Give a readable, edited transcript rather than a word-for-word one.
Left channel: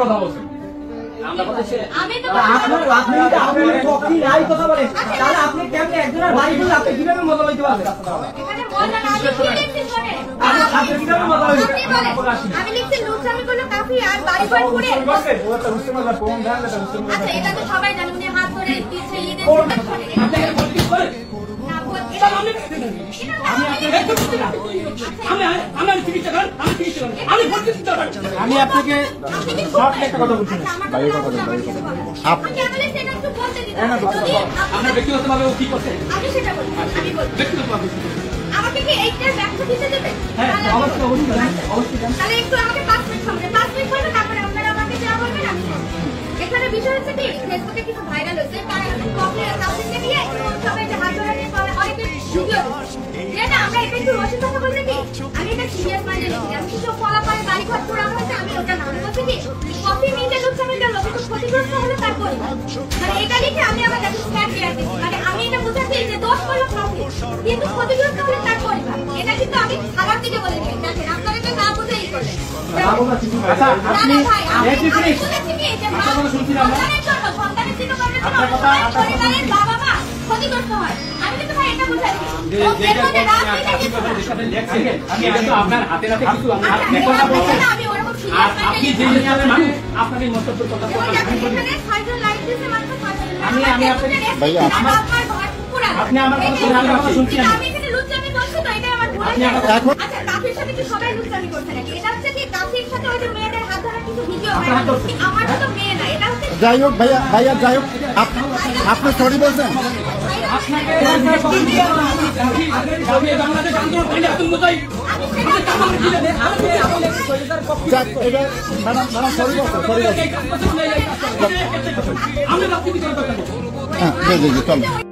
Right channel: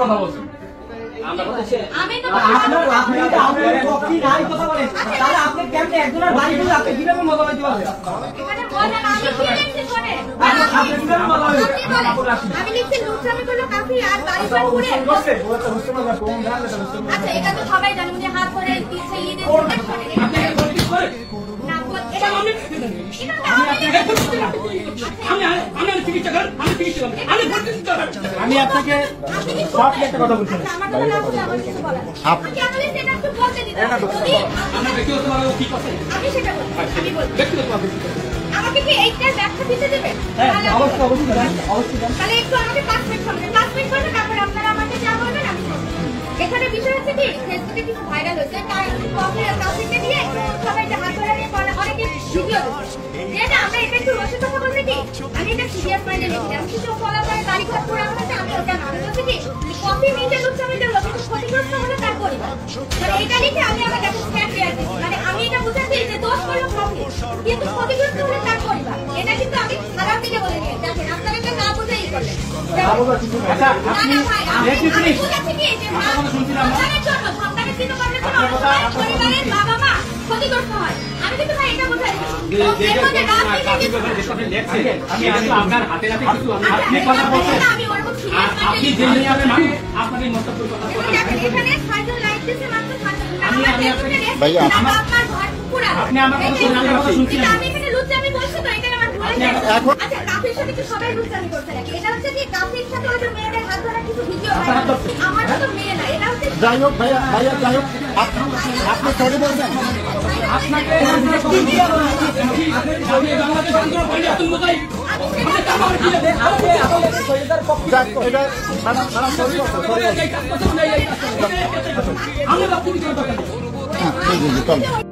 কথা বলছেন আপনি কেমন একজনের বাড়ি বলে আপনি কিভাবে মজা লইতে পারবেন? আমি লিখছি লুচ্চামি করলো কাফি আর বাড়ি বাড়ি করে আচ্ছা এটা তো সবাই জানেন যে হাত ধরে আমি আপনাকে একটা কথা বলছি আমাকে কি এইটার ব্যাখ্যা দিতে দেবে? অবশ্যই অবশ্যই অবশ্যই তাহলে একটু আমাকে 5 মিনিট সময় 5 মিনিট পরে তারপরে আপনারা আমাকে যা বলবেন আমি এখানে বিষয় হচ্ছে কি ফেসবুকে কিছু ভাইরাল হচ্ছে তাই কপি কাউকে দিয়ে সবাই যে হাত ধরে অনেকে ভিডিও যে না আমরা এটা একটু রসিদ কথা বলতে কি আমি এটা সিরিয়াস মাইন্ডে নিচ্ছি আমি কিছু ফলো করে বাড়ি ঘর করে আমাকে আমি ওটা না বলছি কি কপি মিনিটে লুচ্চামি দিল কিন্তু ক্ষতিগ্রস্ত হলো তার করি মানে এটা দেখে আমি আমার কাছে স্ট্যাক দিয়েছি মানে আমি এটা বুঝাচ্ছি যে দোষ করলো কপি কিন্তু ক্ষতিগ্রস্ত হলে তার করি এটা কিন্তু আমি খারাপ দিকে বলে দিই দেখেন আপনারা এটা না বুঝেই করলেন আচ্ছা আপনি আপনার হাতে নাতে কিছু আপনি যে আপনাদের মন্তব্য কথা ভাইয়া আপনি আমার কথা শুনছেন যাই হোক ভাইয়া ভাইয়া যাই হোক আপনি সরি বলছেন সরি বলছেন